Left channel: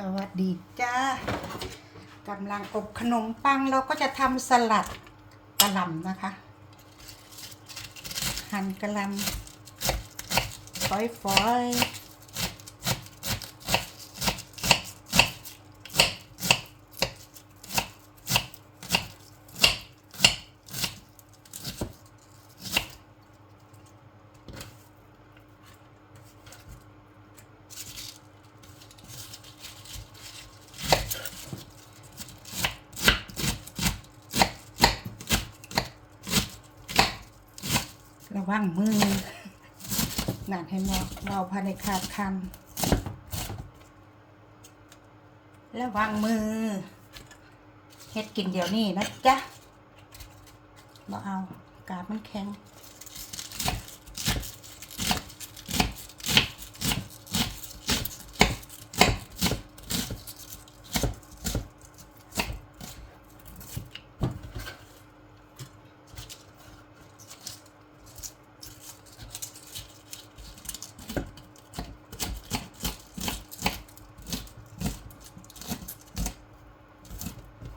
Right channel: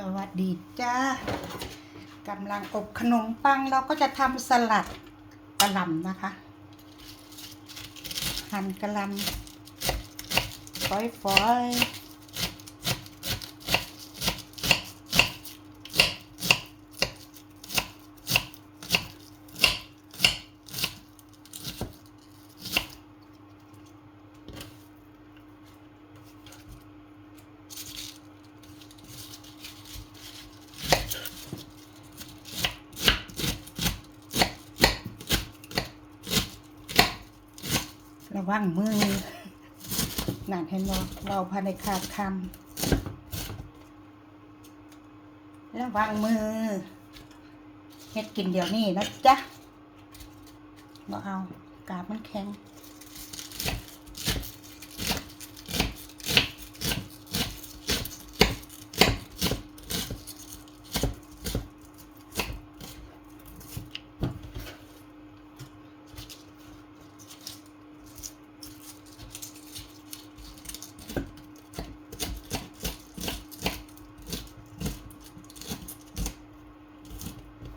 สวัสดีจ้ากำลังอบขนมปังเราก็จะทำสลัดกระหล่ำนะคะ หั่นกระหล่ำฝอยๆ ระวังมือนั่นเห็นไหมเราภายในขาดคำระวังมือเฮ็ดกินเดี๋ยวนี้นะจ๊ะเราเอากาบมันแข็ง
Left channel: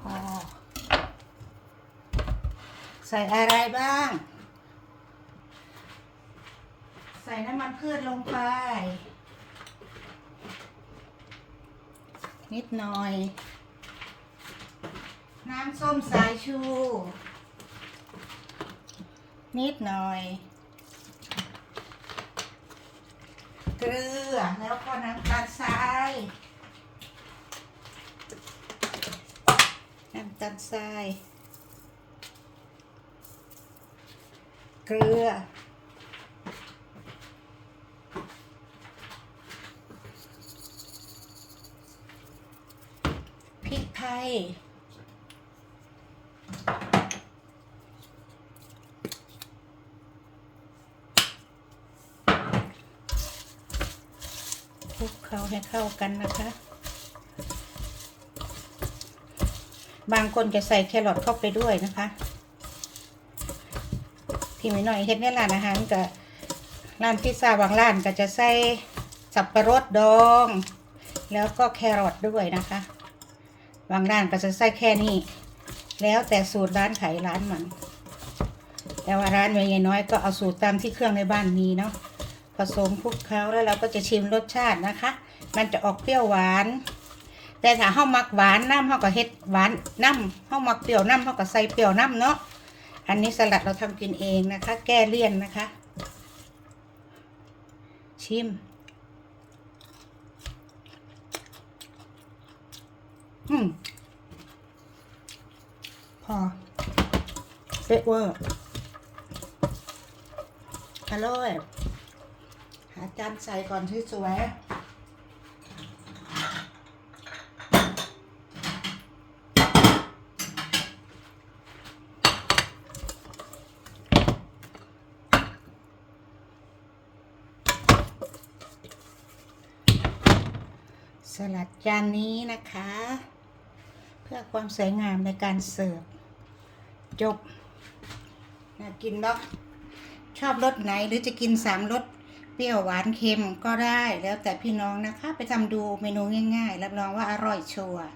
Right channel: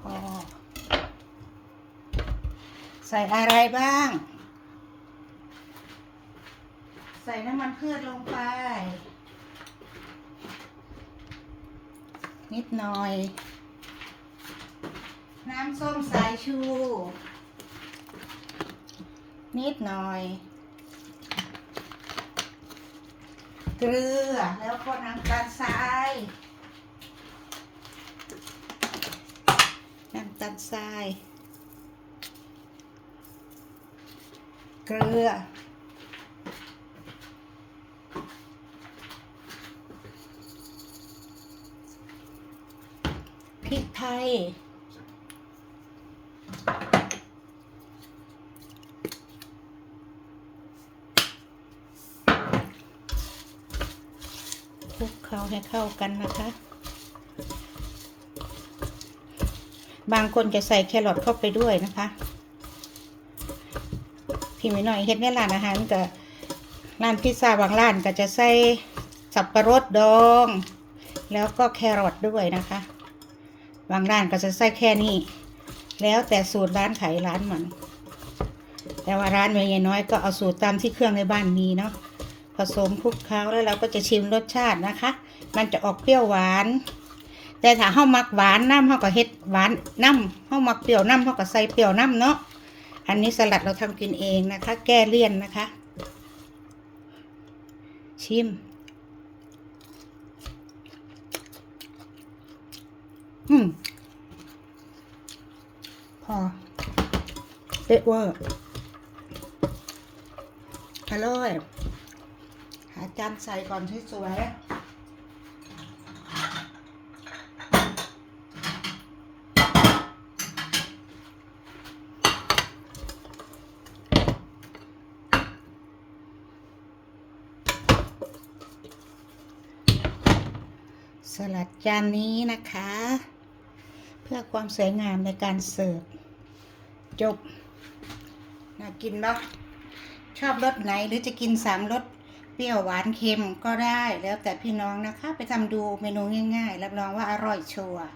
พอ ใส่อะไรบ้าง ใส่น้ำมันพืชลงไป นิดหน่อย น้ำส้มสายชู นิดหน่อย เกลือแล้วก็น้ำตาลทรายน้ำตาลทราย เกลือ พริกไทย คลุกเคล้าให้เข้ากันนะคะ บางคนจะใส่แครอทเข้าไปด้วยนะคะ พี่ไม่น้อยเฮ็ดในร้านอาหารกับร้านพิซซ่าบางร้านก็จะใส่สับปะรดดอง แล้วก็แครอทด้วยนะคะบางร้านก็จะใส่แค่นี้ แล้วแต่สูตรร้านขายร้านมัน แต่ว่าร้านเมยน้อยก็เอาสูตรตามที่เครื่องในบ้านมีเนาะผสมคลุกเคล้าแล้วเราก็จะชิมรสชาตินะคะ มันจะออกเปรี้ยวหวาน แต่ถ้าเฮามักหวานน้ำเฮาก็เฮ็ดหวานน้ำเฮามักเปรี้ยวน้ำเฮาก็ใส่เปรี้ยวน้ำเนาะ อันนี้สลัดเราทำกินเองนะคะ แก้เลี่ยนนะคะ ชิม อืม พอเด็ดเวอร์อร่อย หาจานใส่ก่อนที่สวย ลัดจานนี้นะคะ เพื่อความสวยงามในการเสิร์ฟจบน่ากินเนาะชอบรสไหนหรือจะกินสามรสเปรี้ยวหวานเค็มก็ได้แล้วแต่พี่น้องนะคะ ไปทำดูเมนูง่าย ๆ รับรองว่าอร่อยชัวร์